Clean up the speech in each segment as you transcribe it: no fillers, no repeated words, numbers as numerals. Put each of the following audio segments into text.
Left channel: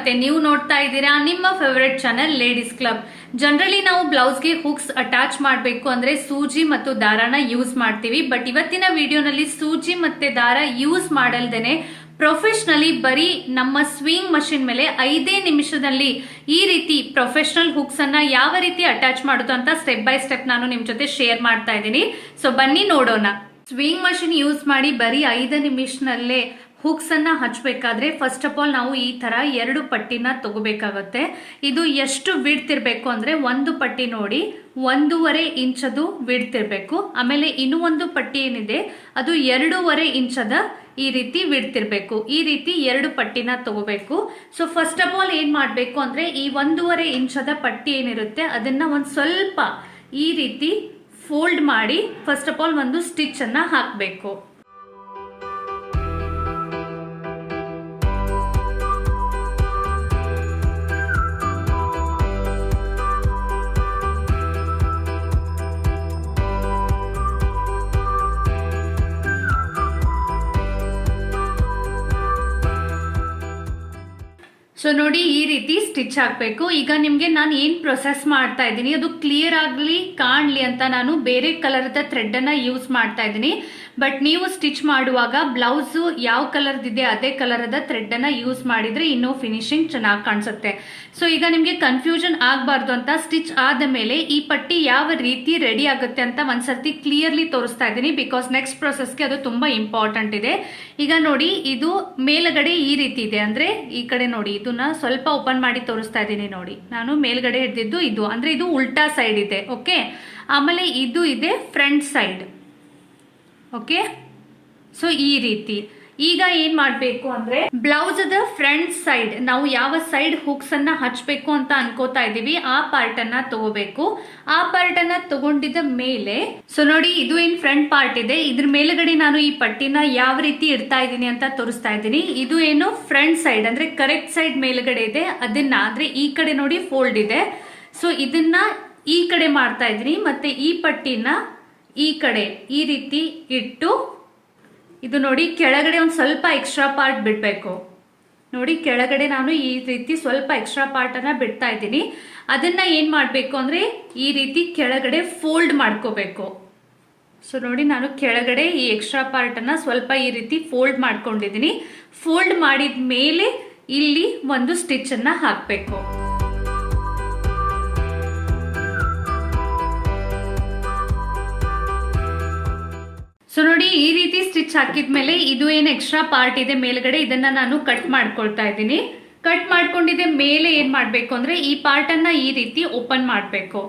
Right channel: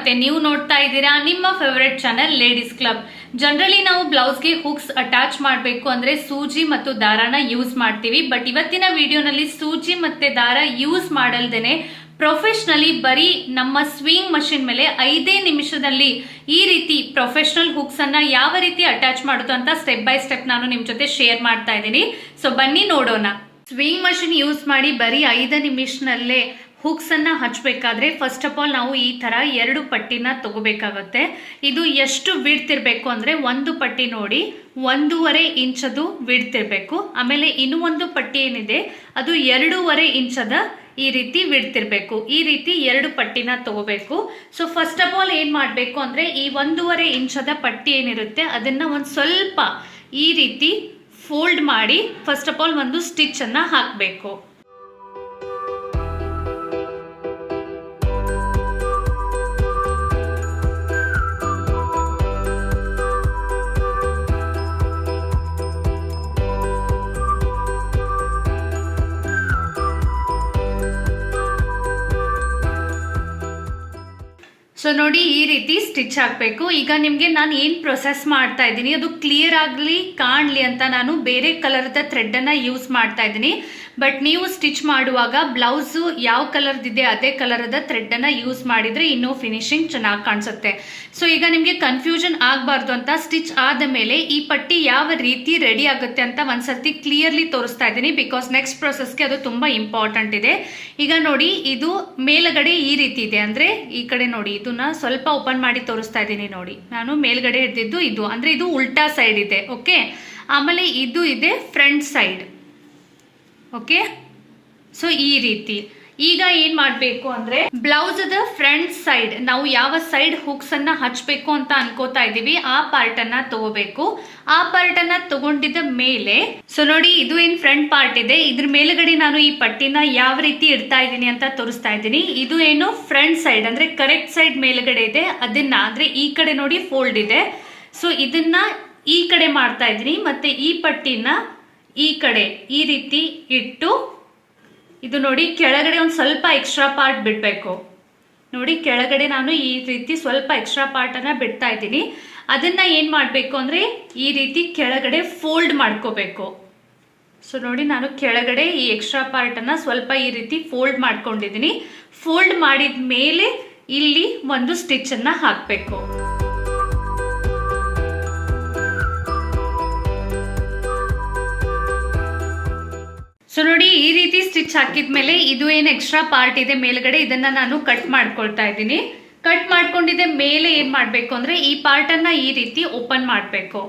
ಮತ್ತೆ ನೀವು ನೋಡ್ತಾ ಇದ್ದೀರಾ ನಿಮ್ಮ favourite channel ladies club. Generally ನಾವು ಬ್ಲೌಸ್ಗೆ ಹುಕ್ಸ್ ಅಟ್ಯಾಚ್ ಮಾಡಬೇಕು ಅಂದ್ರೆ ಸೂಜಿ ಮತ್ತು ದಾರಾನ ಯೂಸ್ ಮಾಡ್ತೀವಿ. ಬಟ್ ಇವತ್ತಿನ ವಿಡಿಯೋನಲ್ಲಿ ಸೂಜಿ ಮತ್ತೆ ದಾರ ಯೂಸ್ ಮಾಡಲ್ದೇನೆ ಪ್ರೊಫೆಷನಲಿ ಬರೀ ನಮ್ಮ ಸ್ವಿಂಗ್ ಮಷಿನ್ ಮೇಲೆ 5 ನಿಮಿಷದಲ್ಲಿ ಈ ರೀತಿ ಪ್ರೊಫೆಷನಲ್ ಹುಕ್ಸ್ ಅನ್ನ ಯಾವ ರೀತಿ ಅಟ್ಯಾಚ್ ಮಾಡೋದು ಅಂತ ಸ್ಟೆಪ್ ಬೈ ಸ್ಟೆಪ್ ನಾನು ನಿಮ್ ಜೊತೆ ಶೇರ್ ಮಾಡ್ತಾ ಇದ್ದೀನಿ. ಸೊ ಬನ್ನಿ ನೋಡೋಣ. ಸ್ವಿಂಗ್ ಮಷಿನ್ ಯೂಸ್ ಮಾಡಿ ಬರೀ 5 ನಿಮಿಷನಲ್ಲೇ ಹುಕ್ಸ್ ಅನ್ನ ಹಚ್ಚಬೇಕಾದ್ರೆ ಫಸ್ಟ್ ಆಫ್ ಆಲ್ ನಾವು ಈ ತರ 2 ಪಟ್ಟಿನ ತಗೋಬೇಕಾಗುತ್ತೆ. ಇದು ಎಷ್ಟು ವಿಡ್ತ್ ಇರಬೇಕು ಅಂದ್ರೆ ಒಂದು ಪಟ್ಟಿ ನೋಡಿ 1.5 ಇಂಚದು ವಿಡ್ತ್ ಇರಬೇಕು. ಆಮೇಲೆ ಇನ್ನೂ ಒಂದು ಪಟ್ಟಿ ಏನಿದೆ ಅದು 2.5 ಇಂಚದ ಈ ರೀತಿ ವಿಡ್ತ್ ಇರಬೇಕು. ಈ ರೀತಿ 2 ಪಟ್ಟಿನ ತಗೋಬೇಕು. ಸೊ ಫಸ್ಟ್ ಆಫ್ ಆಲ್ ಏನ್ ಮಾಡಬೇಕು ಅಂದ್ರೆ ಈ 1.5 ಇಂಚದ ಪಟ್ಟಿ ಏನಿರುತ್ತೆ ಅದನ್ನ ಒಂದು ಸ್ವಲ್ಪ ಈ ರೀತಿ ಫೋಲ್ಡ್ ಮಾಡಿ ಫಸ್ಟ್ ಆಫ್ ಆಲ್ ಒಂದು ಸ್ಟಿಚ್ ಅನ್ನ ಹಾಕಬೇಕು. ಸೊ ನೋಡಿ ಈ ರೀತಿ ಸ್ಟಿಚ್ ಹಾಕಬೇಕು. ಈಗ ನಿಮಗೆ ನಾನು ಏನು ಪ್ರೊಸೆಸ್ ಮಾಡ್ತಾ ಇದ್ದೀನಿ ಅದು ಕ್ಲಿಯರ್ ಆಗಲಿ ಕಾಣಲಿ ಅಂತ ನಾನು ಬೇರೆ ಕಲರ್ದ ಥ್ರೆಡ್ ಅನ್ನ ಯೂಸ್ ಮಾಡ್ತಾ ಇದ್ದೀನಿ. ಬಟ್ ನೀವು ಸ್ಟಿಚ್ ಮಾಡುವಾಗ ಬ್ಲೌಸ್ ಯಾವ ಕಲರ್ದಿದೆ ಅದೇ ಕಲರ್ದ ಥ್ರೆಡ್ ಅನ್ನ ಯೂಸ್ ಮಾಡಿದ್ರೆ ಇನ್ನೂ ಫಿನಿಶಿಂಗ್ ಚೆನ್ನಾಗಿ ಕಾಣಿಸುತ್ತೆ. ಸೊ ಈಗ ನಿಮಗೆ ಕನ್ಫ್ಯೂಷನ್ ಆಗಬಾರ್ದು ಅಂತ ಸ್ಟಿಚ್ ಆದ ಮೇಲೆ ಈ ಪಟ್ಟಿ ಯಾವ ರೀತಿ ರೆಡಿ ಆಗುತ್ತೆ ಅಂತ ಒಂದ್ಸರ್ತಿ ಕ್ಲಿಯರ್ಲಿ ತೋರಿಸ್ತಾ ಇದ್ದೀನಿ. ಬಿಕಾಸ್ ನೆಕ್ಸ್ಟ್ ಪ್ರೊಸೆಸ್ಗೆ ಅದು ತುಂಬಾ ಇಂಪಾರ್ಟೆಂಟ್ ಇದೆ. ಈಗ ನೋಡಿ ಇದು ಮೇಲ್ಗಡೆ ಈ ರೀತಿ ಇದೆ ಅಂದ್ರೆ ಈ ಕಡೆ ನೋಡಿ ಇದನ್ನ ಸ್ವಲ್ಪ ಓಪನ್ ಮಾಡಿ ತೋರಿಸ್ತಾ ಇದ್ದೀನಿ. ನೋಡಿ ನಾನು ಮೇಲ್ಗಡೆ ಹಿಡಿದಿದ್ದು ಇದು ಅಂದ್ರೆ ಇದು ಉಲ್ಟಾ ಸೈಡ್ ಇದೆ. ಓಕೆ, ಆಮೇಲೆ ಇದು ಇದೆ ಫ್ರಂಟ್ ಸೈಡ್. ಓಕೆ, ಸೊ ಈ ರೀತಿ ಈಗ ಏನ್ ಮಾಡಬೇಕು ಅಂದ್ರೆ ಬ್ಲೌಸ್ ಫ್ರಂಟ್ ಸೈಡ್ ನಾವು ಯಾವ ಸೈಡ್ ಹುಕ್ಸ್ ಅನ್ನ ಹಚ್ಚಬೇಕು ಅಂತ ಅನ್ಕೋತಾ ಇದೀವಿ ಆ ಪಾರ್ಟ್ ಅನ್ನ ತಗೋಬೇಕು. ಆ ಪಾರ್ಟ್ ಅನ್ನ ತಗೊಂಡಿದ ಮೇಲೆ ಸೊ ನೋಡಿ ಇದು ಏನ್ ಫ್ರಂಟ್ ಪಾರ್ಟ್ ಇದೆ ಇದ್ರ ಮೇಲ್ಗಡೆ ನಾನು ಈ ಪಟ್ಟಿನ ಯಾವ ರೀತಿ ಇಡ್ತಾ ಇದ್ದೀನಿ ಅಂತ ತೋರಿಸ್ತಾ ಇದ್ದೀನಿ. ಇದು ಏನು ಫ್ರಂಟ್ ಸೈಡ್ ಅಂದ್ರೆ ಕರೆಕ್ಟ್ ಸೈಡ್ ಮೇಲ್ಗಡೆ ಇದೆ ಅದನ್ನ ಅಂದ್ರೆ ಈ ಕಡೆ ನೋಡಿ ಫೋಲ್ಡ್ ಇದೆ. ಸೊ ಇದನ್ನ ಈ ಕಡೆ ಮಾಡ್ತಾ ಇದ್ದೀನಿ ಮತ್ತೆ ಈ ಪಟ್ಟಿನ ಈ ಕಡೆ ಈ ರೀತಿ ಇಟ್ಟು ಇದು ನೋಡಿ ಕೆಳಗಡೆ ಒಂದು ಸ್ವಲ್ಪ ಎಕ್ಸ್ಟ್ರಾ ಪಾರ್ಟ್ ಬಿಡಬೇಕು. ನೋಡಿ ಕೆಳಗಡೆ ನಾನು ಈ ರೀತಿ ಸ್ವಲ್ಪ ಎಕ್ಸ್ಟ್ರಾ ಪಾರ್ಟ್ ಅನ್ನ ಬಿಡ್ತಾ ಇದ್ದೀನಿ. ಅದನ್ನ ಏನ್ ಮಾಡಬೇಕು ಅಂದ್ರೆ ಈ ರೀತಿ ಕೆಳಗಡೆ ಫೋಲ್ಡ್ ಮಾಡ್ಕೋಬೇಕು. ಸೊ ನೋಡಿ ನಾನು ಕೆಳಗಡೆ ಈ ಎಕ್ಸ್ಟ್ರಾ ಪಾರ್ಟ್ ಅನ್ನ ಸ್ವಲ್ಪ ಈ ರೀತಿ ಫೋಲ್ಡ್ ಮಾಡ್ಕೊಂಡಿದ್ದೀನಿ. ಫೋಲ್ಡ್ ಮಾಡಿದ ಮೇಲೆ ಇಲ್ಲಿ ಒಂದು ಸ್ಟಿಚ್ ಅನ್ನ ಹಾಕಬೇಕು. ಸೊ ನೋಡಿ ಈ ರೀತಿ ಸ್ಟಿಚ್ ಹಾಕಿದ್ಮೇಲೆ ಇದು ಏನು ಎಕ್ಸ್ಟ್ರಾ ಪಾರ್ಟ್ ಇದೆ ಮೇಲ್ಗಡೆ ಇದನ್ನ ನಾನು ಕಟ್ ಮಾಡ್ಕೊಳ್ತಾ ಇದ್ದೀನಿ. ಕಟ್ ಮಾಡ್ಕೊಂಡಿದ್ದ ಮೇಲೆ ಏನ್ ಮಾಡ್ಬೇಕು ಅಂದ್ರೆ ಈ ಪಾರ್ಟ್ ಅನ್ನ ಈ ರೀತಿ ಓಪನ್ ಮಾಡ್ಬೇಕು.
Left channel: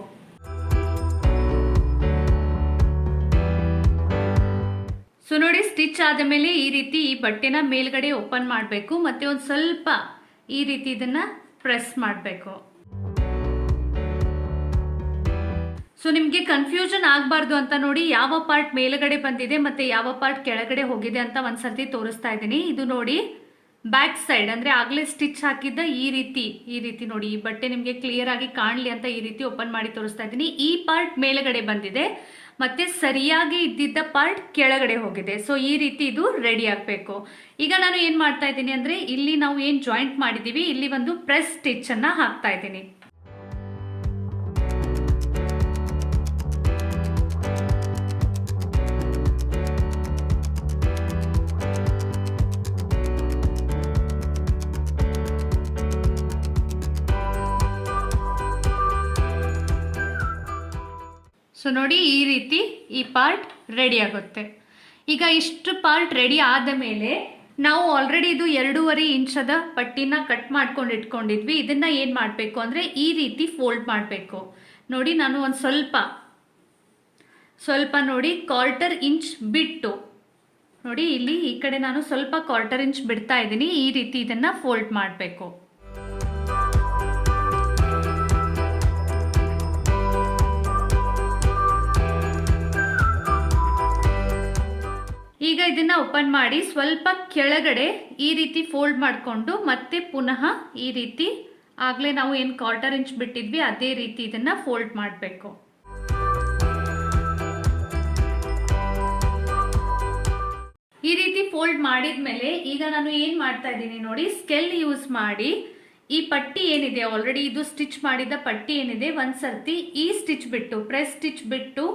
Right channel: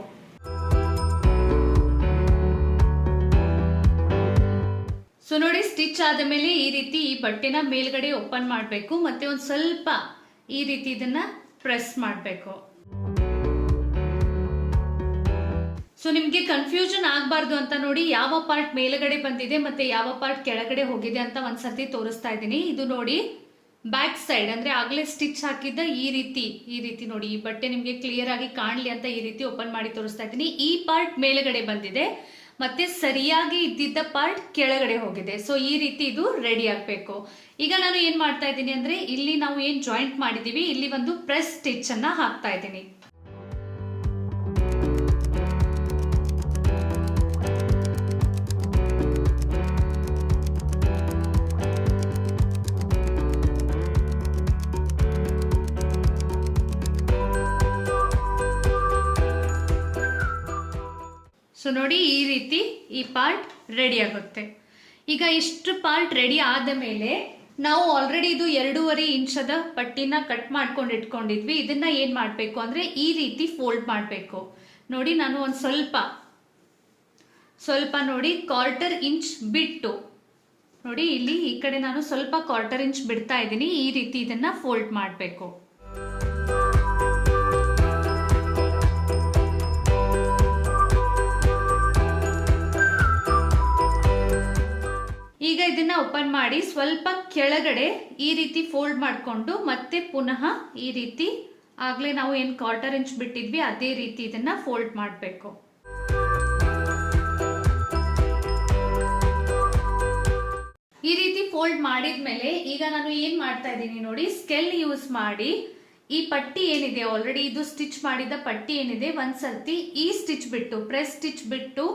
ಸೊ ನೋಡಿ ಸ್ಟಿಚ್ ಆದ ಮೇಲೆ ಈ ರೀತಿ ಈ ಬಟ್ಟೆನ ಮೇಲ್ಗಡೆ ಓಪನ್ ಮಾಡ್ಬೇಕು ಮತ್ತೆ ಒಂದ್ ಸ್ವಲ್ಪ ಈ ರೀತಿ ಇದನ್ನ ಪ್ರೆಸ್ ಮಾಡ್ಬೇಕು. ಸೊ ನಿಮ್ಗೆ ಕನ್ಫ್ಯೂಷನ್ ಆಗಬಾರ್ದು ಅಂತ ನೋಡಿ ಯಾವ ಪಾರ್ಟ್ ಮೇಲ್ಗಡೆ ಬಂದಿದೆ ಮತ್ತೆ ಯಾವ ಪಾರ್ಟ್ ಕೆಳಗಡೆ ಹೋಗಿದೆ ಅಂತ ಒಂದ್ಸರ್ತಿ ತೋರಿಸ್ತಾ ಇದ್ದೀನಿ. ಇದು ನೋಡಿ ಬ್ಯಾಕ್ ಸೈಡ್ ಅಂದ್ರೆ ಆಗ್ಲೇ ಸ್ಟಿಚ್ ಹಾಕಿದ್ದ ಈ ರೀತಿ ನೋಡಿ ಈ ಬಟ್ಟೆ ನಿಮ್ಗೆ ಕ್ಲಿಯರ್ ಆಗಿ ಕಾಣ್ಲಿ ಅಂತ ಈ ರೀತಿ ಓಪನ್ ಮಾಡಿ ತೋರಿಸ್ತಾ ಇದ್ದೀನಿ. ಈ ಪಾರ್ಟ್ ಮೇಲ್ಗಡೆ ಬಂದಿದೆ ಮತ್ತೆ ಸರಿಯಾಗಿ ಇದ್ದಿದ್ದ ಪಾರ್ಟ್ ಕೆಳಗಡೆ ಹೋಗಿದೆ. ಸೊ ಈ ರೀತಿ ಇದು ರೆಡಿ ಆಗ್ಬೇಕು. ಈಗ ನಾನು ಏನ್ ಮಾಡ್ತಾ ಇದ್ದೀನಿ ಅಂದ್ರೆ ಇಲ್ಲಿ ನಾವು ಏನ್ ಜಾಯಿಂಟ್ ಮಾಡಿದೀವಿ ಇಲ್ಲಿ ಒಂದು ಪ್ರೆಸ್ ಸ್ಟಿಚ್ ಅನ್ನ ಹಾಕ್ತಾ ಇದ್ದೀನಿ. ಸೊ ನೋಡಿ ಈ ರೀತಿ ಈ ಪಾರ್ಟ್ ರೆಡಿ ಆಗುತ್ತೆ. ಈಗ ಇಷ್ಟು ಪಾರ್ಟ್ ರೆಡಿ ಆದ ಮೇಲೆ ನಾವು ಆಲ್ರೆಡಿ ಇದು 2.5 ಇಂಚದ ಪಟ್ಟಿನ ಕಟ್ ಮಾಡ್ಕೊಂಡು ಇಟ್ಕೊಂಡಿದ್ವಿ. ಇದನ್ನ ಏನ್ ಮಾಡ್ಬೇಕು ಅಂದ್ರೆ ಈ ರೀತಿ ಫೋಲ್ಡ್ ಮಾಡ್ಬೇಕು. ನೋಡಿ ನಾನು ಒಂದು ಸ್ವಲ್ಪ ನೋಡಿ 1/4 ಇಂಚ್ ಬಿಟ್ಟು ನೋಡಿ ಇಲ್ಲಿ ಈ ಕಡೆ ನಾನು ಸ್ವಲ್ಪ 1/4 ಇಂಚ್ ಬಿಡ್ತಾ ಇದ್ದೀನಿ. ಈ ರೀತಿ ಇದನ್ನ ಫೋಲ್ಡ್ ಮಾಡ್ಬೇಕು. ಈಗ ಇದನ್ನ ಓಪನ್ ಮಾಡಿ ಸ್ವಲ್ಪ ಕೆಳಗಡೆ ಈ ರೀತಿ ಫೋಲ್ಡ್ ಮಾಡಿಕೊಂಡು ಮತ್ತೆ ಪುನಃ ಈ ರೀತಿ ಆಗ್ಲೇ ನಾವು ಏನು 1/4 ಇಂಚ್ ಬಿಟ್ಟಿದ್ವಿ ಅದೇ ರೀತಿ ಇದನ್ನ ಫೋಲ್ಡ್ ಮಾಡಬೇಕು. ಈ ರೀತಿ ಫೋಲ್ಡ್ ಮಾಡಿದ್ಮೇಲೆ ಈಗ ನಾನು ಏನ್ ಮಾಡ್ತಾ ಇದ್ದೀನಿ ನೋಡಿ, ಸ್ಕೆಲ್ ಯೂಸ್ ಮಾಡಿ ಈ ಪಟ್ಟಿ ಏನಿದೆ ಆಲ್ರೆಡಿ ಇದು ಸ್ಟಿಚ್ ಮಾಡಿದ ಪಟ್ಟಿ ಏನಿದೆ ಒಂದ್ಸರ್ತಿ ಈ ಸ್ಟಿಚ್ ಬಿಟ್ಟು ಪ್ರೆಸ್ ಸ್ಟಿಚ್ ಬಿಟ್ಟು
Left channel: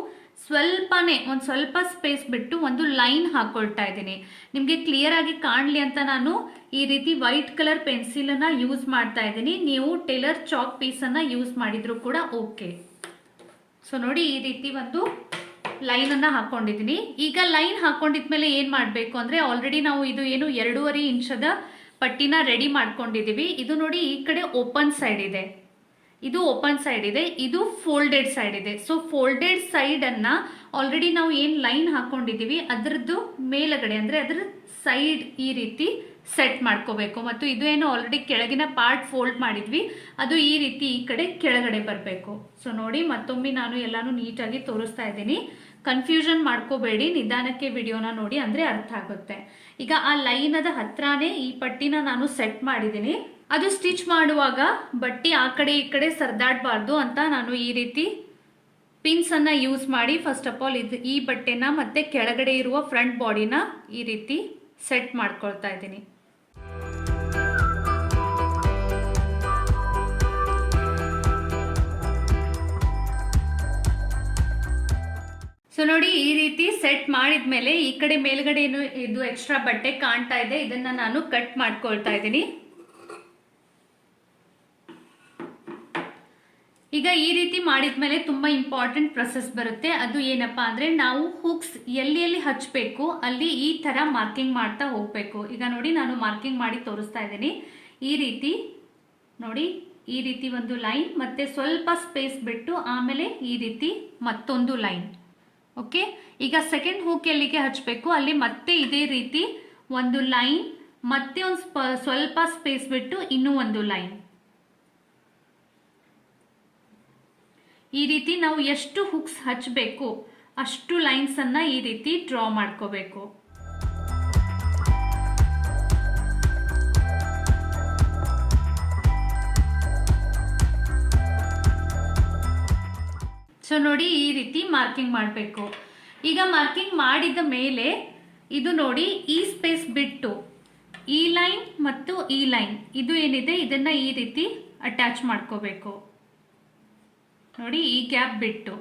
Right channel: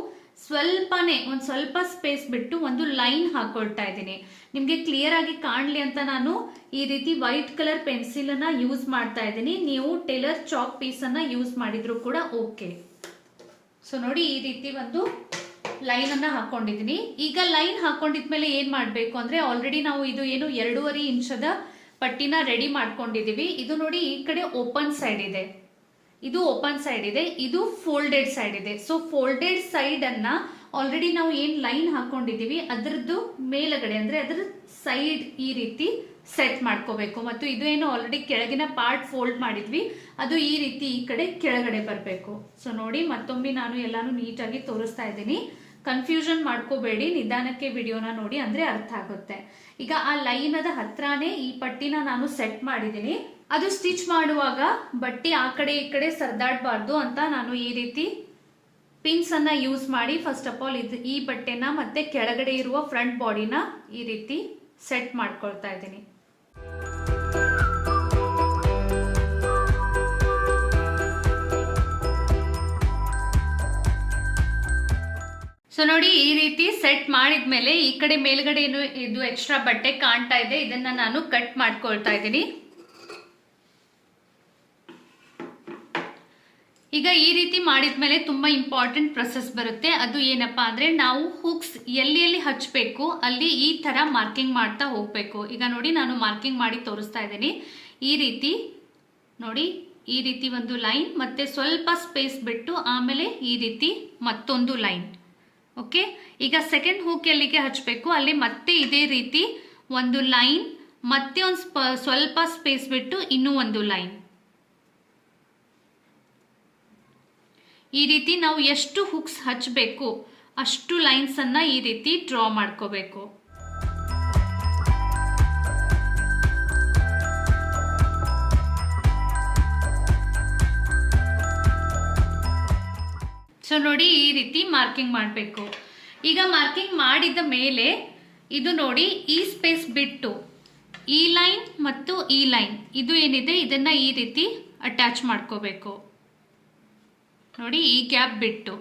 ಒಂದ್ ಸ್ವಲ್ಪ ಸ್ಪೇಸ್ ಬಿಟ್ಟು ಒಂದು ಲೈನ್ ಹಾಕೊಳ್ತಾ ಇದ್ದೀನಿ. ನಿಮ್ಗೆ ಕ್ಲಿಯರ್ ಆಗಿ ಕಾಣ್ಲಿ ಅಂತ ನಾನು ಈ ರೀತಿ ವೈಟ್ ಕಲರ್ ಪೆನ್ಸಿಲ್ ಅನ್ನ ಯೂಸ್ ಮಾಡ್ತಾ ಇದ್ದೀನಿ. ನೀವು ಟೇಲರ್ ಚಾಕ್ ಪೀಸ್ ಅನ್ನ ಯೂಸ್ ಮಾಡಿದ್ರು ಕೂಡ ಓಕೆ. ಸೊ ನೋಡಿ ಈ ರೀತಿ ಒಂದು ಲೈನ್ ಅನ್ನ ಹಾಕೊಂಡಿದ್ದೀನಿ. ಈಗ ಲೈನ್ ಹಾಕೊಂಡಿದ್ಮೇಲೆ ಏನ್ ಮಾಡ್ಬೇಕು ಅಂದ್ರೆ ಆಲ್ರೆಡಿ ನಾವು ಇದು ಏನು 2.5 ಇಂಚದ ಪಟ್ಟಿನ ರೆಡಿ ಮಾಡ್ಕೊಂಡಿದೀವಿ. ಇದು ನೋಡಿ ಈ ಕಡೆ ಓಪನ್ ಸೈಡ್ ಇದೆ, ಇದು ಓಪನ್ ಸೈಡ್ ಇದೆ, ಇದು ಫೋಲ್ಡೆಡ್ ಸೈಡ್ ಇದೆ. ಸೊ ಫೋಲ್ಡೆಡ್ ಸೈಡ್ ಅನ್ನ ಆಲ್ರೆಡಿ ನಾವು ಏನ್ ಲೈನ್ ಹಾಕೊಂಡಿದೀವಿ ಅದರದ್ದು ಮೇಲಗಡೆ ಅಂದ್ರೆ ಅದರ ಸೈಡ್ ಈ ರೀತಿ ಸೆಟ್ ಮಾಡ್ಕೋಬೇಕು. ಮತ್ತು ಇದು ಏನು ಆಲ್ರೆಡಿ ಕೆಳಗಿನ ಪಾರ್ಟ್ ಫೋಲ್ಡ್ ಮಾಡಿದ್ವಿ ಅದು ಈ ರೀತಿ ಈ ಕಡೆ ಕೆಳಗಡೆ ಬರಬೇಕು. ಸೊ ನೋಡಿ ಮತ್ತೊಮ್ಮೆ ನಾನು ಎಲ್ಲಾನು ನೀಟಾಗಿ ತೋರಿಸ್ತಾ ಇದ್ದೀನಿ. ಕನ್ಫ್ಯೂಷನ್ ಮಾಡ್ಕೋಬೇಡಿ, ನಿಧಾನಕ್ಕೆ ವಿಡಿಯೋನ ನೋಡಿ ಅಂದ್ರೆ ಅರ್ಥ ಆಗುತ್ತೆ. ಈಗ ಆ ಲೈನದ ಹತ್ರನೇ ಈ ಪಟ್ಟಿನ ನಾನು ಸೆಟ್ ಮಾಡಿದ್ದೀನಿ. ಅದು ಸ್ಟಿಚ್ ಮಾಡುವಾಗ ಬಟ್ಟಿ ಆ ಕಡೆ ಈ ಕಡೆ ಸರ್ದಾಡಬಾರ್ದು ಅಂತ ನಾನು ಈ ರೀತಿ ಪಿನ್ಸ್ ಅನ್ನ ಯೂಸ್ ಮಾಡಿ ಫಸ್ಟ್ ಆಫ್ ಆಲ್ ಈ ಬಟ್ಟೆನ ಮತ್ತೆ ಕೆಳಗಡೆ ಇರುವ ಫ್ರಂಟ್ ಬಾಡಿನ ಈ ರೀತಿ ಸೆಟ್ ಮಾಡ್ಕೊಳ್ತಾ ಇದ್ದೀನಿ. ಸೊ ನೋಡಿ ಈ ರೀತಿ ಸೆಟ್ ಮಾಡಿದ್ಮೇಲೆ ಈ ಕಡೆ ಮೇಲ್ಗಡೆ ಇದು ಎಕ್ಸ್ಟ್ರಾ ಬಟ್ಟೆ ಕಾಣ್ತಾ ಇದೆ, ಇದನ್ನ ನಾನು ಕಟ್ ಮಾಡ್ಕೊಳ್ತಾ ಇದ್ದೀನಿ. ಈಗ ಈ ರೀತಿ ಮಾಡಿದ್ಮೇಲೆ ತುಂಬಾ ಇಂಪಾರ್ಟೆಂಟ್ ಪ್ರೊಸೆಸ್ ಬರುತ್ತೆ. ಅದು ಏನಪ್ಪಾ ಅಂದ್ರೆ ನಾವು ಹುಕ್ಸ್ ಎಲ್ಲಿ ಎಲ್ಲಿ ಹಚ್ಚಬೇಕು ಅಲ್ಲಿ ಈ ತರ ಮಾರ್ಕಿಂಗ್ ಮಾಡ್ತಾ ಹೋಗ್ಬೇಕು. ಈಗ ನೋಡಿ ನಾನು ಮಾರ್ಕಿಂಗ್ ಮಾಡಿ ತೋರಿಸ್ತಾ ಇದ್ದೀನಿ. ಈ ರೀತಿ ನೋಡಿ, ಈ ರೀತಿ ಒಂದು ಲೈನ್ ಮತ್ತೆ ಸ್ವಲ್ಪ ಸ್ಪೇಸ್ ಬಿಟ್ಟು ಆಮೇಲೆ ಈ ರೀತಿ ಮತ್ತೊಂದು ಲೈನ್. ಓಕೆ, ಈಗ ಸೆಕೆಂಡ್ ಹೂಕ್ ಎಲ್ಲಿಗೆ ಹಚ್ಚಬೇಕು ಅಲ್ಲಿ ಮತ್ತೆ ಇದೇ ರೀತಿ ಒಂದು ಲೈನ್ ಮತ್ತೆ ಒಂದು ಸ್ವಲ್ಪ ಸ್ಪೇಸ್ ಬಿಟ್ಟು ಇನ್ನೂ ಒಂದು ಲೈನ್. ಈ ರೀತಿ ನಾವು ಎಷ್ಟು ಹುಕ್ಸ್ ಹಚ್ಚಬೇಕು ಅಷ್ಟು ಲೈನ್ಸ್ ಅನ್ನ ಈ ರೀತಿ ಡ್ರಾ ಮಾಡ್ಕೋಬೇಕು. ಸೊ ನೋಡಿ ಈ ರೀತಿ ಮಾರ್ಕಿಂಗ್ ಮಾಡಬೇಕು. ಈಗ ಮಾರ್ಕಿಂಗ್ ಮಾಡಿದ ಮೇಲೆ ಇದು ನೋಡಿ ಈ ಸ್ಪೇಸ್ ಬಿಟ್ಟು ಈ ಲೈನ್ ಮತ್ತು ಈ ಲೈನ್ ಇದು ಏನಿದೆ ಇದನ್ನ ಈ ರೀತಿ ಅಟ್ಯಾಚ್ ಮಾಡ್ಕೋಬೇಕು. ನೋಡಿ ಈ ಗ್ಯಾಪ್ ಬಿಟ್ಟು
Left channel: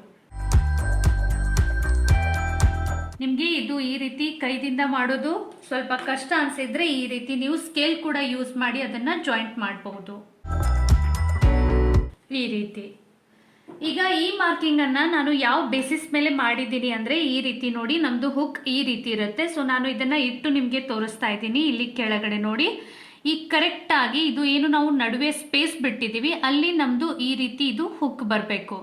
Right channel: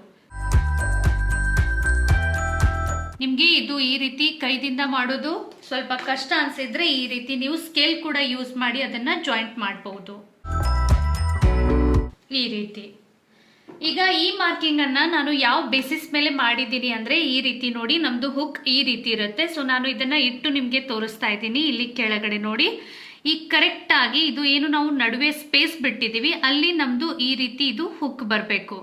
ನಿಮ್ಗೆ ಇದು ಈ ರೀತಿ ಕೈದಿಂದ ಮಾಡೋದು ಸ್ವಲ್ಪ ಕಷ್ಟ ಅನ್ಸಿದ್ರೆ ಈ ರೀತಿ ನೀವು ಸ್ಕೇಲ್ ಕೂಡ ಯೂಸ್ ಮಾಡಿ ಅದನ್ನ ಜಾಯಿಂಟ್ ಮಾಡಬಹುದು ಈ ರೀತಿ. ಈಗ ಈ ಮಾರ್ಕಿಂಗ್ ಅನ್ನ ನಾನು ಯಾವ ಬೇಸಿಸ್ ಮೇಲೆ ಮಾಡಿದ್ದೀನಿ ಅಂದ್ರೆ ಈ ರೀತಿ ನೋಡಿ ನಮ್ದು ಹುಕ್ ಈ ರೀತಿ ಇರುತ್ತೆ. ಸೊ ನಾನು ಇದನ್ನ ಇಟ್ಟು ನಿಮ್ಗೆ ತೋರಿಸ್ತಾ ಇದ್ದೀನಿ. ಇಲ್ಲಿ ಕೆಳಗಡೆ ನೋಡಿ ಈ ಕರೆಕ್ಟ್ ಆಗಿ ಇದು ಏನು ನಾವು ನಡುವೆ ಸ್ಪೇಸ್ ಬಿಟ್ಟಿದೀವಿ ಅಲ್ಲಿ ನಮ್ದು ಈ ರೀತಿ ಇದು ಹುಕ್ ಬರಬೇಕು.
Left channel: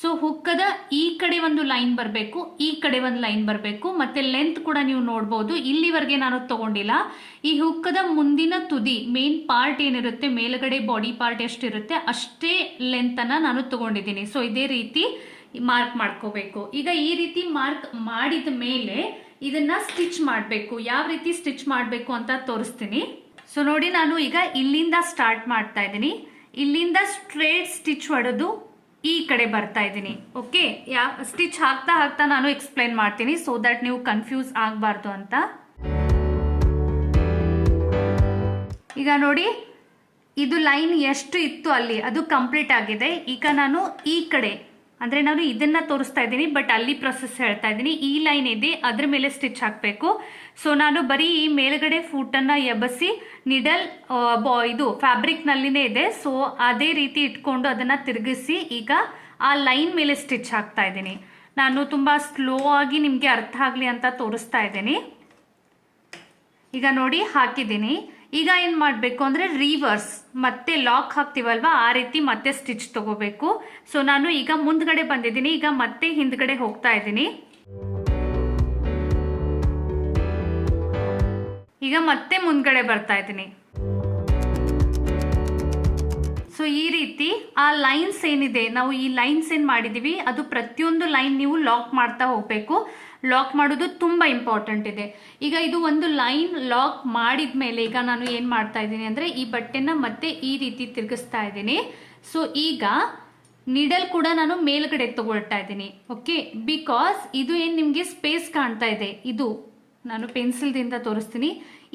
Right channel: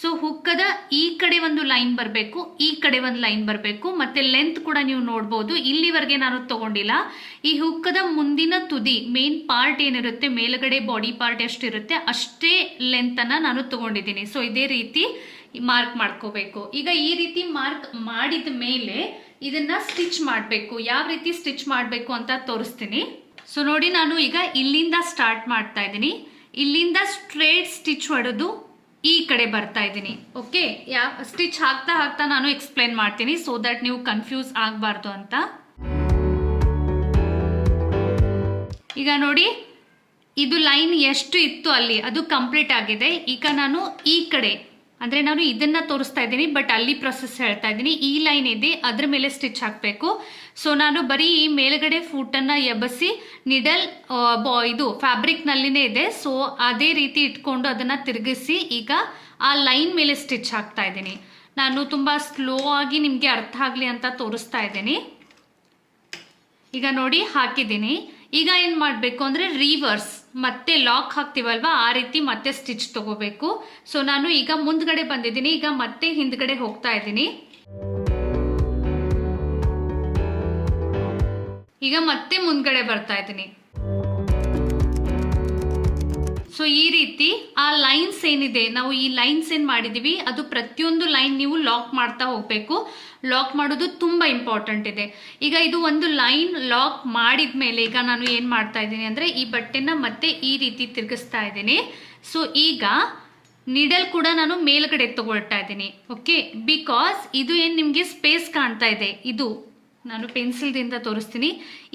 ಸೊ ಹುಕ್ಕದ ಈ ಕಡೆ ಒಂದು ಲೈನ್ ಬರಬೇಕು, ಈ ಕಡೆ ಒಂದು ಲೈನ್ ಬರಬೇಕು. ಮತ್ತೆ ಲೆಂತ್ ಕೂಡ ನೀವು ನೋಡ್ಬೋದು, ಇಲ್ಲಿವರೆಗೆ ನಾನು ತಗೊಂಡಿಲ್ಲ. ಈ ಹುಕ್ಕದ ಮುಂದಿನ ತುದಿ ಮೇನ್ ಪಾರ್ಟ್ ಏನಿರುತ್ತೆ ಮೇಲ್ಗಡೆ ಬಾಡಿ ಪಾರ್ಟ್ ಎಷ್ಟಿರುತ್ತೆ ಅಷ್ಟೇ ಲೆಂತ್ ಅನ್ನ ನಾನು ತಗೊಂಡಿದ್ದೀನಿ. ಸೊ ಇದೇ ರೀತಿ ಮಾರ್ಕ್ ಮಾಡ್ಕೋಬೇಕು. ಈಗ ಈ ರೀತಿ ಮಾರ್ಕ್ ಮಾಡಿದ ಮೇಲೆ ಇದನ್ನ ಸ್ಟಿಚ್ ಮಾಡಬೇಕು. ಯಾವ ರೀತಿ ಸ್ಟಿಚ್ ಮಾಡಬೇಕು ಅಂತ ತೋರಿಸ್ತೀನಿ. ಸೊ ನೋಡಿ ನಾನು ಈಗ ಇಲ್ಲಿಂದ ಸ್ಟಾರ್ಟ್ ಮಾಡ್ತಾ ಇದ್ದೀನಿ. ಇಲ್ಲಿಂದ ಸ್ಟ್ರೇಟ್ ಸ್ಟಿಚ್ ಹೊಡೆದು ಈ ಕಡೆ ಬರ್ತಾ ಇದ್ದೀನಿ. ಓಕೆ, ಸ್ಟಿಚ್ ಹಾಕ್ತಾ ಹಾಕ್ತಾ ನಾನು ಎಕ್ಸ್ಪ್ಲೈನ್ ಮಾಡ್ತೀನಿ ಸೊ ದಟ್ ನೀವು ಕನ್ಫ್ಯೂಸ್ ಆಗಬಾರ್ದು ಅಂತ. ಈಗ ನೋಡಿ ಇದು ಲೈನ್ ಎಷ್ಟು ಇತ್ತು ಅಲ್ಲಿ ಅದು ಕಂಪ್ಲೀಟ್ ಆಗಿದೆ. ಈಗ ನಾನು ಈ ಕಡೆ ಅಂದ್ರೆ ನಾನು ಇದನ್ನ ತೋರಿಸ್ತಾ ಇದ್ದೀನಿ ಬಟ್ ಅಲ್ಲಿ ಪ್ರೊಸೆಸ್ ಹೇಳ್ತಾ ಇದ್ದೀನಿ. ಈ ಲೈನ್ ಇದೆ ಅದ್ರ ಮೇಲೆ ಸ್ಟಿಚ್ ಹಾಕಬೇಕು. ಸೊ ನಾನು ಬರೀ ಈ ಮೇಲ್ಗಡೆ ಫೂಟನ್ನು ಎಬ್ಬಸಿ ನಿಡಲ್ ಇದು ಫ್ಯಾಬ್ರಿಕ್ನಲ್ಲಿನೇ ಇದೆ. ಸೊ ಅದೇ ರೀತಿ ಇಟ್ಕೊಂಡು ಅದನ್ನು ತಿರುಗಿಸಿ ಈಗ ಆ ಲೈನ್ ಮೇಲೆ ಸ್ಟಿಚ್ ಹಾಕ್ತಾ ಇದ್ದೀನಿ. ನಾನು ತುಂಬ ಸ್ಲೋ ಆಗಿ ನಿಮಗೆ ಅರ್ಥ ಆಗಲಿ ಅಂತ ತೋರಿಸ್ತಾ ಇದ್ದೀನಿ. ಈಗ ನೋಡಿ ಹಾಕಿದ್ದೀನಿ. ಈಗ ಏನು ಮಾಡಬೇಕು ಅಂದರೆ ರಿವರ್ಸ್ ಮತ್ತೆ ಲಾಕ್ ಹಾಕ್ತೀವಲ್ವಾ ಆ ರೀತಿ ಮತ್ತೆ ಸ್ಟಿಚ್ ತಗೋಬೇಕು. ಸೊ ನಾನು ಈಗ ಮುಂದ್ಗಡೆ ಬಂದಿದ್ದೀನಿ, ಈಗ ಮತ್ತೆ ಹಿಂದ್ಗಡೆ ಹೋಗ್ತಾ ಇದ್ದೀನಿ. ಈಗ ಮತ್ತೆ ಮುಂದ್ಗಡೆ ಬರ್ತಾ ಇದ್ದೀನಿ. ಸೊ ಈ ರೀತಿ ಆ ಲೈನ್ಸ್ ಏನಿದೆ ನಾವು ಈ ಲೈನ್ಸ್ ಏನು ಮಾಡಿದೀವಿ ಅದು ಪ್ರತಿಯೊಂದು ಲೈನ್ ನೀವು ಲಾಕ್ ಮಾಡ್ತಾ ಹೋಗಬೇಕು. ಲಾಕ್ ಮಾಡೋದು ತುಂಬ ಇಂಪಾರ್ಟೆಂಟ್ ಇದೆ. ಈಗ ಇದು ಒಂದು ಲೈನ್ ಲಾಕ್ ಮಾಡಿದ ಮೇಲೆ ಈಗ ನಾನು ಏನು ಮಾಡ್ತಾ ಇದ್ದೀನಿ ಅಂದರೆ ಈ ಬಟ್ಟೆನ ಮತ್ತೆ ಈ ರೀತಿ ತಿರುಗಿಸ್ತಾ ಇದ್ದೀನಿ. ಸೊ ಈಗ ನೀಡಲ್ ಕೂಡ ನಾನು ಮೇಲ್ಗಡೆ ತಗೊಳ್ತಾ ಇದ್ದೀನಿ. ಓಕೆ, ಬಿಕಾಸ್ ಇದು ಏನು ನಿಮಗೆ ಸ್ಪೇಸ್ ಕಾಣ್ತಾ ಇದೆ ಇದು ನಾನು ಪೆನ್ಸಿಲ್ದಿಂದ ತೋರಿಸ್ತೀನಿ.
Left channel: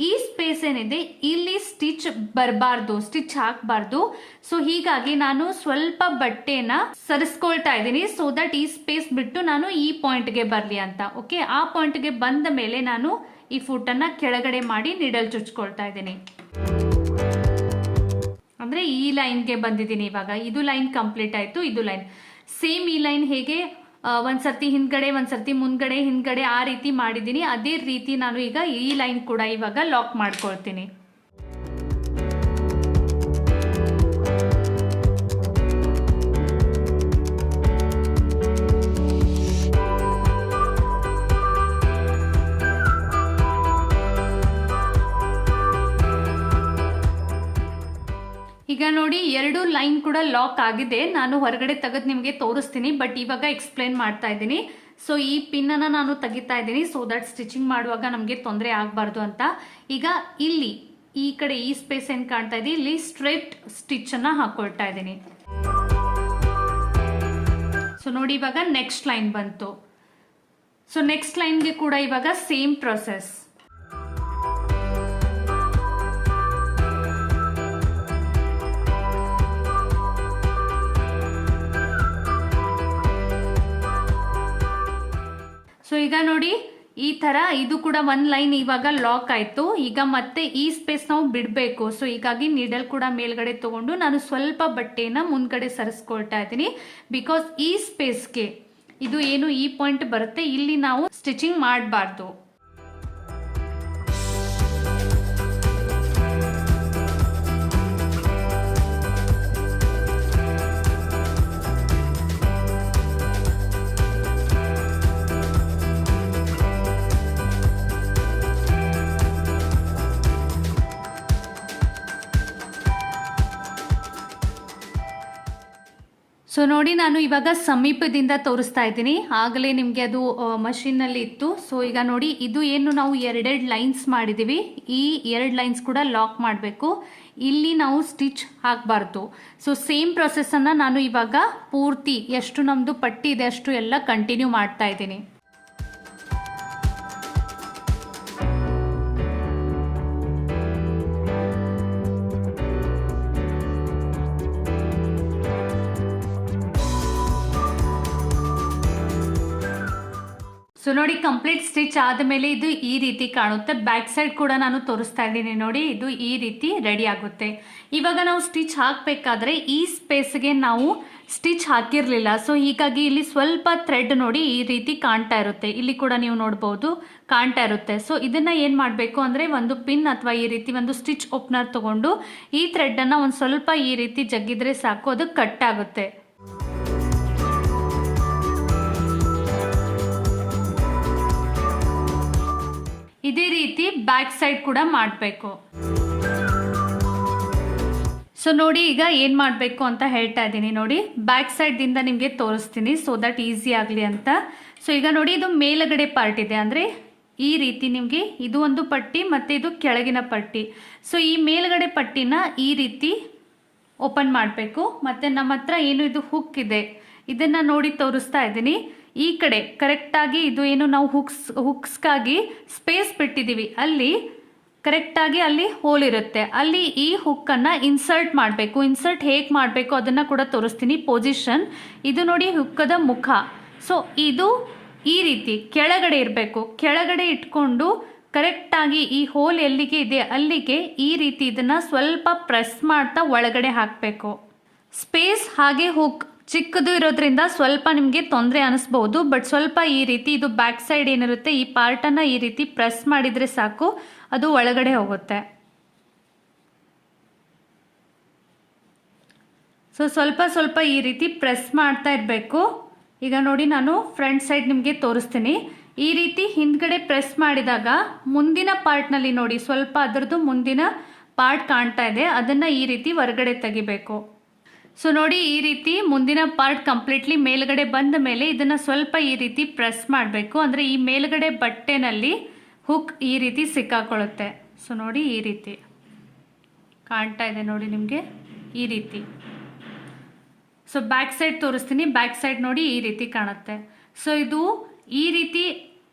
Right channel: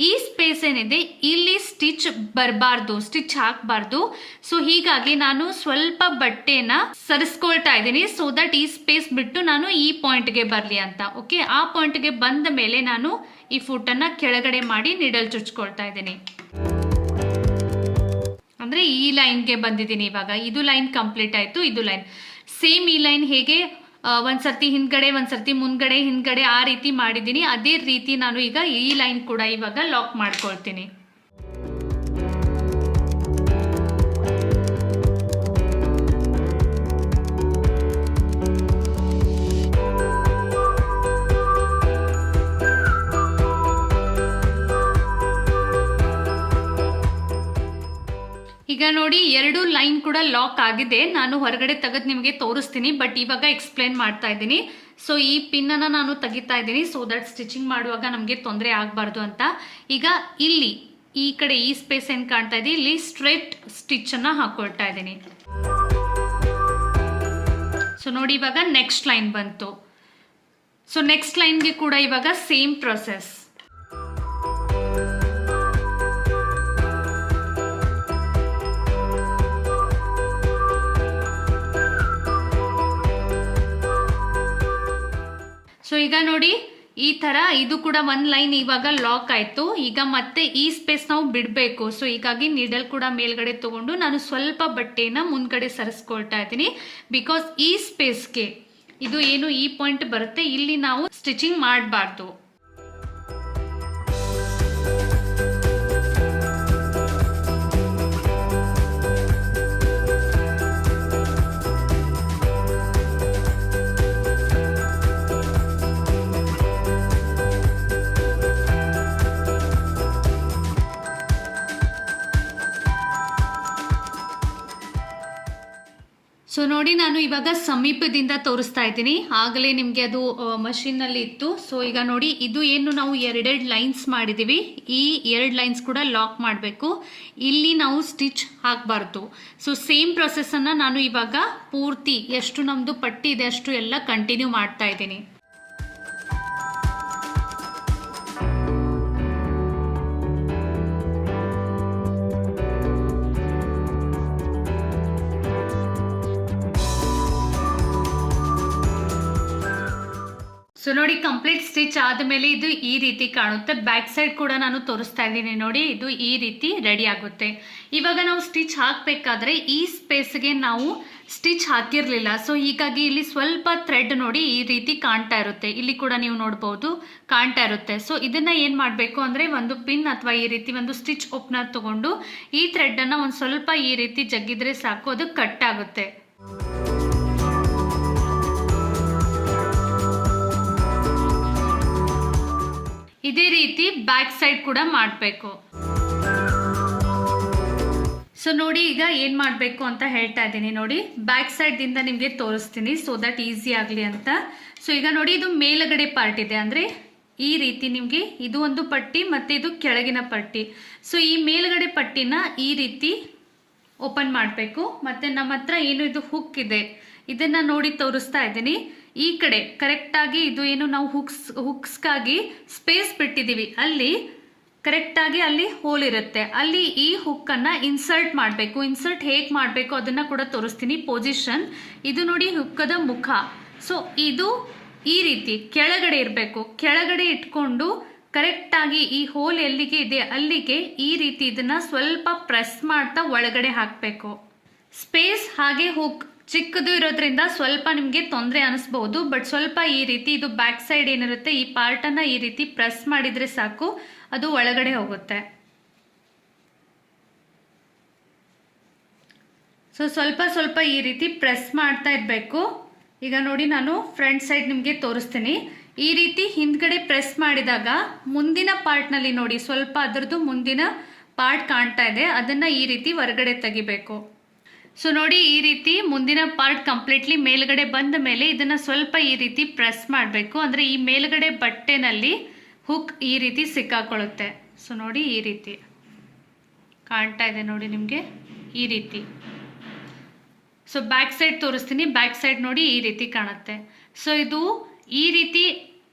ಈ ಸ್ಪೇಸ್ ಏನಿದೆ ಇಲ್ಲಿ ಸ್ಟಿಚ್ ಬರಬಾರ್ದು, ಸ್ಟಿಚ್ ಹಾಕಬಾರ್ದು. ಸೊ ಹೀಗಾಗಿ ನಾನು ಸ್ವಲ್ಪ ಬಟ್ಟೆನ ಸರಿಸ್ಕೊಳ್ತಾ ಇದ್ದೀನಿ, ಸೊ ದಟ್ ಈ ಸ್ಪೇಸ್ ಬಿಟ್ಟು ನಾನು ಈ ಪಾಯಿಂಟ್ಗೆ ಬರಲಿ ಅಂತ. ಓಕೆ, ಆ ಪಾಯಿಂಟ್ಗೆ ಬಂದ ಮೇಲೆ ನಾನು ಈ ಫುಟನ್ನು ಕೆಳಗಡೆ ಮಾಡಿ ನೀಡಲ್ ಚುಚ್ಕೊಳ್ತಾ ಇದ್ದೀನಿ. ಅಂದರೆ ಈ ಲೈನ್ಗೆ ಬಂದಿದ್ದೀನಿ ಇವಾಗ. ಇದು ಲೈನ್ ಕಂಪ್ಲೀಟ್ ಆಯಿತು. ಇದು ಲೈನ್ ಸೇಮ್, ಈ ಲೈನ್ ಹೇಗೆ ಒಂದ್ಸರ್ತಿ ಹಿಂದ್ಗಡೆ ಒಂದ್ಸರ್ತಿ ಮುಂದ್ಗಡೆ ಹಿಂದ್ಗಡೆ ಆ ರೀತಿ ಮಾಡಿದ್ದೀನಿ, ಅದೇ ರೀತಿ ನಾನು ಈಗ ಈ ಲೈನ್ ಕೂಡ ಇವಾಗ ಲಾಕ್ ಮಾಡ್ಕೊಳ್ತೀನಿ. ಈಗ ನೋಡಿ ಎರಡು ಲೈನ್ ಕೂಡ ಲಾಕ್ ಆಗಿದೆ. ನಾನು ಹೊರಗಡೆ ತೆಗೆದು ನಿಮಗೆ ತೋರಿಸ್ತೀನಿ, ಬಟ್ ಇವಾಗ ಎಕ್ಸ್ಪ್ಲೈನ್ ಮಾಡ್ತಾ ಇದ್ದೀನಿ. ಸೊ ಈ ಪಿನ್ನನ್ನು ನಾನು ತೆಗಿತಾ ಇದ್ದೀನಿ, ಸೊ ದಟ್ ಸ್ಟಿಚಿಂಗ್ ಮಾಡುವಾಗ ನಮಗೆ ತೊಂದರೆ ಆಗಬಾರ್ದು ಅಂತ. ಈಗ ಇಲ್ಲಿ ಈ ಕಡೆ ಈ ಸ್ಪೇಸ್ ಏನು ಕಾಣ್ತಾ ಇದೆ, ಇಲ್ಲಿ ಸ್ಟ್ರೈಟ್ ಸ್ಟಿಚ್ಚನ್ನು ಹಾಕೊಳ್ತಾ ಇದ್ದೀನಿ. ಸೊ ನೋಡಿ ಇವಾಗ ನೆಕ್ಸ್ಟ್ ಲೈನ್ ಬಂತು. ಸೊ ನೆಕ್ಸ್ಟ್ ಲೈನ್ಗೆ ಕೂಡ ಇವಾಗ ಸೇಮ್ ಪ್ರೊಸೆಸ್. ಸೊ ಈಗ ನೋಡಿ ಈ ಥರ ಇದು ಕೂಡ ಒಂದು ಲೈನ್ ಇವಾಗ ಲಾಕ್ ಆಯಿತು. ಈಗ ಮತ್ತೆ ಈ ಸ್ಪೇಸ್ ನಾವು ಬಿಡಬೇಕು. ಸೊ ಹೀಗಾಗಿ ನೀಡಲ್ ಕೂಡ ಮೇಲ್ಗಡೆ ತಗೊಂಡು ನಾನು ಸ್ವಲ್ಪ ಬಟ್ಟೆನ ಮುಂದ್ಗಡೆ ಸರಿಸ್ಕೊಳ್ತಾ ಇದ್ದೀನಿ. ಬಿಕಾಸ್ ಈ ಸ್ಪೇಸ್ಗೆ ಇದು ಏನು ಈ ಪಾಯಿಂಟ್ ಬರುತ್ತೆ, ಇಲ್ಲಿ ನಾವು ಸ್ಟಿಚಿಂಗ್ ಮಾಡಬಾರ್ದು. ಸೊ ನೋಡಿ ನಾನು ಇವಾಗ ಸಮೀಪದಿಂದ ತೋರಿಸ್ತಾ ಇದ್ದೀನಿ, ಆಗಲೇ ನಿಮಗೆ ಅದು ಮಷೀನಲ್ಲಿ ಇತ್ತು. ಸೊ ಈಗ ನೋಡಿ ಇದು ಏನು ನಾವು ಎರಡೆರಡು ಲೈನ್ಸ್ ಮಾಡಿದ್ದೀವಿ, ಈ ಎರಡು ಲೈನ್ಸ್ ಕೂಡ ಲಾಕ್ ಮಾಡಬೇಕು. ಇಲ್ಲಿ ನಾವು ಸ್ಟಿಚ್ ಹಾಕಬಾರ್ದು. ಸೊ ಸೇಮ್ ಪ್ರೊಸೆಸನ್ನು ನಾನು ಇವಾಗ ಪೂರ್ತಿ ಎಷ್ಟು ನಮ್ಮದು ಪಟ್ಟಿ ಇದೆ ಅಷ್ಟು ಎಲ್ಲ ಕಂಟಿನ್ಯೂ ಮಾಡ್ತಾ ಇದ್ದೀನಿ. ಸೊ ನೋಡಿ ಕಂಪ್ಲೀಟ್ ಸ್ಟಿಚ್ ಆದಮೇಲೆ ಇದು ಈ ರೀತಿ ಕಾಣುತ್ತೆ. ಬ್ಯಾಕ್ ಸೈಡ್ ಕೂಡ ನಾನು ತೋರಿಸ್ತಾ ಇದ್ದೀನಿ ನೋಡಿ, ಇದು ಈ ರೀತಿ ರೆಡಿ ಆಗುತ್ತೆ. ಇವಾಗ ನಾವು ಸ್ಟಿಚ್ ಹಾಕಬೇಕಾದ್ರೆ ಈ ಸ್ಪೇಸ್ಗೆ ನಾವು ಸ್ಟಿಚ್ ಹಾಕಿರಲಿಲ್ಲ. ಸೊ ಹೀಗಾಗಿ ಇಲ್ಲಿ ಸ್ವಲ್ಪ ಥ್ರೆಡ್ ನೋಡಿ ಈ ರೀತಿ ಕಾಣ್ತಾ ಇರುತ್ತೆ, ಇಲ್ಲಿ ಕೂಡ ನೀವು ನೋಡ್ಬೋದು ಕಾಣ್ತಾ ಇರುತ್ತೆ. ಸೊ ಇದನ್ನು ಏನು ಮಾಡಬೇಕು ಅಂದರೆ ಒಂದು ಪಿನ್ ಅಥವಾ ಈ ರೀತಿ ಒಂದು ಸ್ಟಿಚ್ ಓಪನರ್ ತೊಗೊಂಡು ಈ ಥ್ರೆಡ್ಡನ್ನು ಒಂದು ಸ್ವಲ್ಪ ಈ ರೀತಿ ಜಗ್ಗಿದ್ರೆ ಸಾಕು, ಅದು ಕಟ್ ಆಗುತ್ತೆ. ಇದೇ ರೀತಿ ಬ್ಯಾಕ್ ಸೈಡ್ ಕೂಡ ಮಾಡಬೇಕು. ಸೊ ನೋಡಿ ಈಗ ಏನು ಮಾಡಬೇಕು ಅಂತ ಹೇಳ್ತಾ ಇದ್ದೀನಿ ನೋಡಿ, ಬ್ಯಾಕ್ ಸೈಡ್ದಿಂದ ನಿಮಗೆ ತೋರಿಸ್ತೀನಿ ಸೊ ದಟ್ ಈಸಿ ಆಗಲಿ ಅಂತ. ಸೊ ಈಗ ನೋಡಿ ಇದು ಮೇಲುಗಡೆ ಪಾರ್ಟ್ ಇದೆ, ಅಂದರೆ ಈ ರೀತಿ ನಿಮಗೆ ಇದು ಒಂದು ಪಟ್ಟಿ ಮತ್ತು ಇದು ಕೆಳಗಿನ ಪಟ್ಟಿ. ಸೊ ಈ ಮೇಲುಗಡೆ ಪಟ್ಟಿನ ಈ ರೀತಿ ಓಪನ್ ಮಾಡಬೇಕು. ಮತ್ತು ನಮ್ಮ ಹತ್ರ ಏನು ಇದು ಹುಕ್ ಇದೆ ಇದನ್ನು ನೋಡಿ ತೋರಿಸ್ತಾ ಇದ್ದೀನಿ. ಈ ಕಡೆ ಕರೆಕ್ಟಾಗಿ ಇದು ಏನು ನಾವು ಹುಕ್ಸ್ಗಾಗಿ ಸ್ಪೇಸ್ ಬಿಟ್ಟಿದ್ದೀವಿ, ಅಲ್ಲಿ ಕರೆಕ್ಟಾಗಿ ಅಲ್ಲಿ ಹೋಲ್ ಇರುತ್ತೆ, ಅಲ್ಲಿ ಈ ಹುಕ್ಕನ್ನು ಇನ್ಸರ್ಟ್ ಮಾಡಬೇಕು. ಇನ್ಸರ್ಟ್ ಹೇಗೆ ಮಾಡಬೇಕು ಅದನ್ನು ಕೂಡ ತೋರಿಸ್ತೀನಿ. ಪೊಸಿಷನ್ ಇದು ನೋಡಿ ಹುಕ್ಕದ ಮುಖ. ಸೊ ಇದು ಈ ರೀತಿ ಕೆಳಗಡೆ ಇರಬೇಕು, ಕೆಳಗಡೆ ಇಟ್ಕೊಂಡು ಕರೆಕ್ಟಾಗಿ ಈ ಹೋಲ್ ಎಲ್ಲಿಗೆ ಇದೆ ಅಲ್ಲಿಗೆ ಈ ರೀತಿ ಇದನ್ನು ಸ್ವಲ್ಪ ಪ್ರೆಸ್ ಮಾಡ್ತಾ ಒಳಗಡೆ ಹಾಕಬೇಕು. ಸ್ಪೇಸ್ ಹಾಗೆ ಹುಕ್ ಚಿಕ್ಕದು ಇರೋದ್ರಿಂದ ಸ್ವಲ್ಪ ನಿಮಗೆ ತೊಂದರೆ ಅನಿಸ್ಬಹುದು, ಬಟ್ ಸ್ವಲ್ಪ ಈ ರೀತಿ ಇದು ಬ್ಯಾಕ್ ಸೈಡ್ ಏನಿರುತ್ತೆ ಈ ಪಾರ್ಟನ್ನು ಈ ರೀತಿ ಪ್ರೆಸ್ ಮಾಡಿದರೆ ಸಾಕು, ಅದು ಒಳಗಡೆ ಹೋಗುತ್ತೆ. ಸೊ ಸ್ವಲ್ಪ ಸ್ವಲ್ಪ ಈ ರೀತಿ ಪ್ರೆಸ್ ಮಾಡ್ತಾ ಇರಬೇಕು. ಈಗ ನೋಡಿ ನಾನು ಫ್ರಂಟ್ ಸೈಡ್ ನಿಮಗೆ ತೋರಿಸ್ತೀನಿ. ಈ ರೀತಿ ಹಿಂದ್ಗಡೆ ಪ್ರೆಸ್ ಮಾಡಿದಾಗ ಮುಂದಿನ ಪಾರ್ಟ್ನಲ್ಲಿ ನೋಡಿ ಸ್ವಲ್ಪ ಅದರದ್ದು ಮುಂದಿನ ಪಾರ್ಟ್ ಕಾಣ್ತಾ ಇದೆ, ಅದನ್ನು ಈ ರೀತಿ ಹೊರಗಡೆ ತೆಗಿಬೇಕು. ಸೊ ನೋಡಿ ಈ ರೀತಿ ಮುಂದಿನ ಪಾರ್ಟ್ ಕಂಪ್ಲೀಟ್ಲಿ ಮೇಲ್ಗಡೆ ಬಂದ ಮೇಲೆ ಇದನ್ನು ಸ್ವಲ್ಪ ಈ ರೀತಿ ಪ್ರೆಸ್ ಮಾಡಬೇಕು, ಅಂದರೆ ಈ ಮೇಲ್ಗಡೆ ಬಟ್ಟೆನಲ್ಲಿ ಹುಕ್ ಈ ರೀತಿ ಸಿಕ್ಕಾಕೊಳ್ಳುತ್ತೆ. ಸೊ ನೋಡಿ ಈ ರೀತಿ ಕಾಣ್ತಾ ಇದೆ ನೋಡಿ ನಿಮಗೆ ಈ ರೀತಿ. ಸೊ ಬ್ಯಾಕ್ ಸೈಡ್ ತೋರಿಸ್ತೀನಿ, ಬ್ಯಾಕ್ ಸೈಡ್ ನೋಡಿ ಈ ರೀತಿ ಕಾಣುತ್ತೆ. ಸೊ ಇದು ಈ ರೀತಿ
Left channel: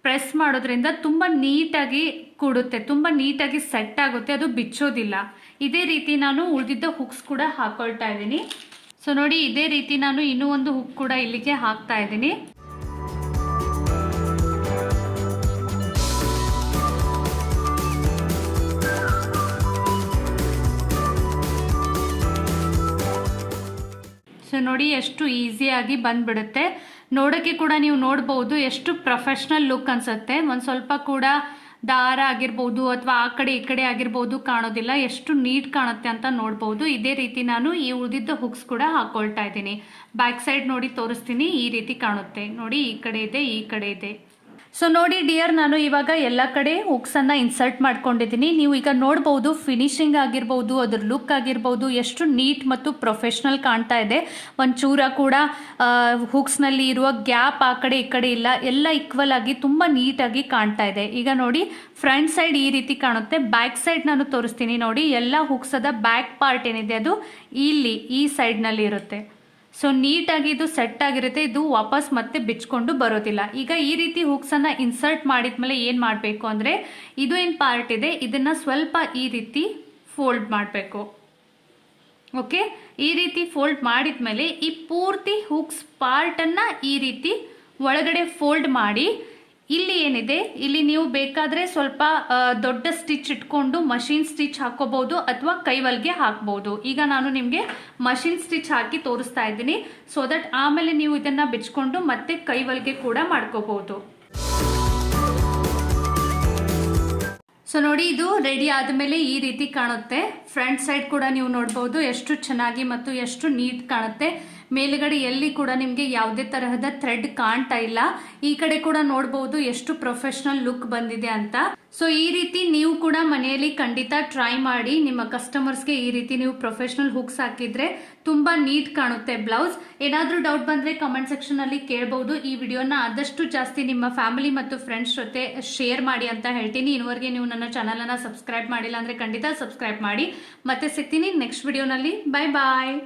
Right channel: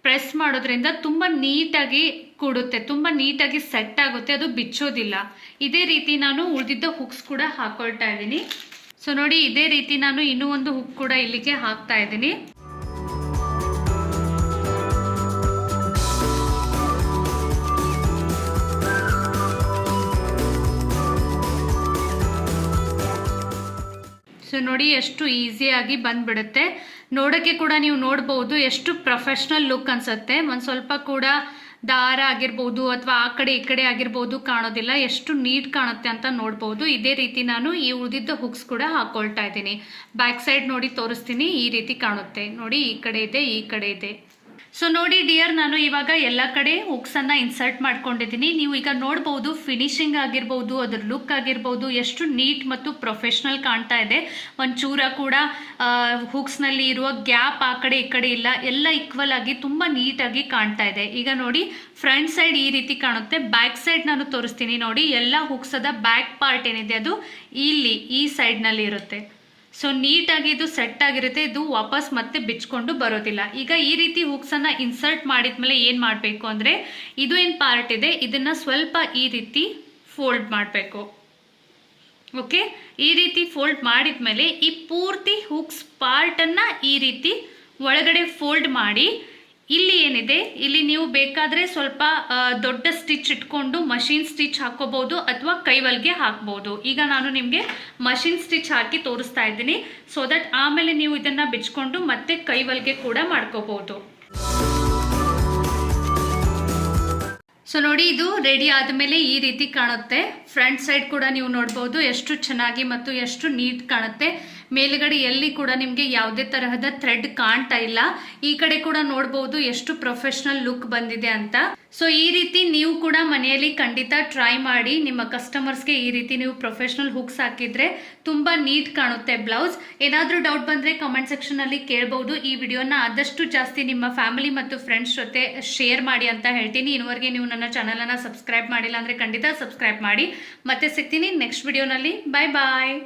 ಪ್ರೆಸ್ ಮಾಡೋದ್ರಿಂದ ತುಂಬ ನೀಟಾಗಿ ಕೂಡುತ್ತೆ, ತುಂಬ ನೀಟಾಗಿ ಸೆಟ್ ಆಗುತ್ತೆ, ಅದು ಬಿಚ್ಚೋದಿಲ್ಲ. ಇದೇ ರೀತಿ ನಾನು ಉಳಿದಿದ್ದ ಹುಕ್ಸ್ ಕೂಡ ಹಾಕೊಳ್ತಾ ಇದ್ದೀನಿ. ಸೊ ನೋಡಿ, ಇದೇ ರೀತಿ ನಾನು ಇನ್ನೂ ಒಂದು ಹುಕ್ ಕೂಡ ಇಲ್ಲಿಗೆ ಹಾಕ್ತಾ ಇದ್ದೀನಿ. ಸೊ ನೋಡಿ, ಎಷ್ಟು ಈಸಿಯಾಗಿ ಬಂದ್ಬಿಡುತ್ತೆ. ನೋಡೋಕ್ಕೆ ಕೂಡ ನೀವು ನೋಡ್ಬೋದು ಎಷ್ಟು ಪ್ರೊಫೆಷ್ನಲ್ ಲುಕ್ ಅನ್ಸುತ್ತೆ. ಒಂದು ಸ್ವಲ್ಪ ಕೂಡ ದಾರ ಆಗಿರ್ಬೋದು ಅಥವಾ ಆ ಕಡೆ ಈ ಕಡೆ ಆಗಿರ್ಬೋದು ಕಾಣೋದಿಲ್ಲ, ಎಷ್ಟು ನೀಟ್ ಕಾಣುತ್ತೆ ಅಂತ ನೋಡ್ಬೋದು. ಇದೇ ರೀತಿ ನಾನು ಈ ಉಳಿದಿದ್ದ ಹುಕ್ಸ್ ಕೂಡ ಹಾಕೊಳ್ತಾ ಇದ್ದೀನಿ. ಬ್ಯಾಕ್ ಸೈಡ್ ನೋಡಿ ತೋರಿಸ್ತೀನಿ, ಈ ರೀತಿ ಕಾಣುತ್ತೆ ನೋಡಿ, ಈ ಕಡೆ ಇದೆ, ಈ ಕಡೆ ಇದೆ. ಸೊ ನೋಡಿ ಡಿಯರ್, ನಾನು ಇವಾಗ ಎಲ್ಲ ಕಡೆ ಹುಕ್ಸನ್ನು ಇನ್ಸರ್ಟ್ ಮಾಡ್ಕೊಂಡಿದ್ದೀನಿ. ನೀವು ಈಗ ನೋಡ್ಬೋದು ಫಿನಿಶಿಂಗ್ ಆಗಿರ್ಬೋದು, ಅದ್ರ ಲುಕ್ ಆಗಿರ್ಬೋದು ಎಷ್ಟು ನೀಟ್ ಮತ್ತು ಪ್ರೊಫೆಷ್ನಲ್ ಕಾಣ್ತಾ ಇದೆ. ಒಂಚೂರ ಕೂಡ ಹುಕ್ಸ್ನಲ್ಲಿ ಇರುವ ಗ್ಯಾಪ್ ಆ ಕಡೆ ಈ ಕಡೆ ಇಲ್ಲ, ಎಲ್ಲ ಈಕ್ವಲ್ ಆಗಿ ತುಂಬ ನೀಟಾಗಿ ಕಾಣ್ತಾ ಇದೆ. ಈಗ ನೋಡಿ, ಫ್ರಂಟ್ ಸೈಡ್ ಈ ರೀತಿ ಕಾಣುತ್ತೆ. ಬ್ಯಾಕ್ ಸೈಡ್ ನಾನು ತೋರಿಸ್ತೀನಿ ನೋಡಿ. ಎಲ್ಲ ಹುಕ್ಸದ ಬ್ಯಾಕ್ ಪಾರ್ಟ್ ಏನಿದೆ ಅದು ಇಲ್ಲಿ ಈ ಸೈಡ್ನಲ್ಲಿ ಇರುತ್ತೆ. ಸೊ ನೀಟಾಗಿ ಇದು ಸೆಟ್ ಆಗಿರುತ್ತೆ, ಇದು ವಾಪಸ್ ಮತ್ತೆ ಬಿಚ್ಕೊಂಡು ಬರೋದಿಲ್ಲ. ಈಗ ಈ ರೀತಿ ಹುಕ್ಸನ್ನು ಇನ್ಸರ್ಟ್ ಮಾಡಿದ್ಮೇಲೆ ಏನು ಮಾಡಬೇಕು ಅಂದರೆ, ಇದು ಏನು ಪಾರ್ಟ್ ಇದೆ ಇದನ್ನು ಸ್ವಲ್ಪ ಈ ರೀತಿ ಫೋಲ್ಡ್ ಮಾಡಬೇಕು. ಓಕೆ, ಈ ರೀತಿ ಫೋಲ್ಡ್ ಮಾಡಿದ್ಮೇಲೆ ಈ ಪೂರ್ತಿ ಹುಕ್ಸ್ ಪಾರ್ಟನ್ನು ಈ ರೀತಿ ಒಳಗಡೆ ಫೋಲ್ಡ್ ಮಾಡಿ, ಇಲ್ಲಿ ಏನಿದೆ ಇಲ್ಲಿ ನೀವು ಬೇಕಾದರೆ ಸ್ವಲ್ಪ ದೊಡ್ಡ ಸ್ಟಿಚ್ ಇಟ್ಕೊಂಡು ಮಷಿನ್ ಸ್ಟಿಚ್ ಹಾಕೋಬಹುದು ಅಥವಾ ಕೈವಲ್ಗೆ ಹಾಕ್ಬೋದು. ಈಗ ನಾನು ನಿಮಗೆ ಮಷಿನ್ ಸ್ಟಿಚ್ ಹಾಕಿ ತೋರಿಸ್ತಾ ಇದ್ದೀನಿ, ಸೊ ದಟ್ ಆಮೇಲೆ ನೀವು ಇದನ್ನು ಬಿಚ್ಕೊಂಡು ಮತ್ತೆ ಕೈವಲ್ಗೆ ಕೂಡ ಮಾಡ್ಕೋಬಹುದು. ಸೊ ನೋಡಿ, ಇದು ರೆಡಿ ಆದಮೇಲೆ ಈ ರೀತಿ ಕಾಣುತ್ತೆ. ಫ್ರಂಟ್ ಸೈಡ್ ಕೂಡ ನೀವು ನೋಡ್ಬೋದು ಎಷ್ಟು ಚೆನ್ನಾಗಿ ಮತ್ತು ಎಷ್ಟು ನೀಟ್ ಕಾಣುತ್ತೆ. ಮೇಲುಗಡೆ ಎಲ್ಲಿ ಕೂಡ ನಿಮಗೆ ಯಾವುದೇ ತರಹದ ಥ್ರೆಡ್ ಕಾಣ್ತಾ ಇಲ್ಲ. ಈ ಕಡೆ ಕೂಡ ನೋಡ್ಬೋದು ಎಷ್ಟು ಪ್ರೊಫೆಷನಲ್ ಲುಕ್ ಬಂದಿದೆ ಅಂತ. ಸೊ ಈ ರೀತಿ ನೀವು ಕೂಡ ಮನೆಯಲ್ಲಿ ಖಂಡಿತ ಟ್ರೈ ಮಾಡಿ. ನಿಮ್ಮ ಕಸ್ಟಮರ್ಸ್ಗೆ ಈ ರೀತಿ ನೀವು ಪ್ರೊಫೆಷನಲ್ ಹುಕ್ಸ್ ಹಾಕಿದ್ರೆ ತುಂಬಾ ನೀಟ್ ಕಾಣುತ್ತೆ ಬ್ಲೌಸ್. ಏನಾದರೂ ಡೌಟ್ ಬಂದರೆ ಕಮೆಂಟ್ ಸೆಕ್ಷನಲ್ಲಿ ಕೇಳ್ಬೋದು. ಈ ವಿಡಿಯೋನ ಆದಷ್ಟು ಜಾಸ್ತಿ ನಿಮ್ಮ ಫ್ಯಾಮಿಲಿ ಮತ್ತು ಫ್ರೆಂಡ್ಸ್ ಜೊತೆ ಶೇರ್ ಮಾಡಿ ಅಂತ ಹೇಳ್ತೀನಿ. ಇನ್ನುವರೆಗೆ ನೀವು ನನ್ನ ಚಾನಲನ್ನು ಸಬ್ಸ್ಕ್ರೈಬ್ ಮಾಡಿಲ್ಲ ಅಂದರೆ ಖಂಡಿತ ಸಬ್ಸ್ಕ್ರೈಬ್ ಮಾಡಿ. ಮತ್ತೆ ಸಿಗ್ತೀನಿ ನೆಕ್ಸ್ಟ್ ವಿಡಿಯೋನಲ್ಲಿ. ಬಾಯ್ ಬಾಯ್.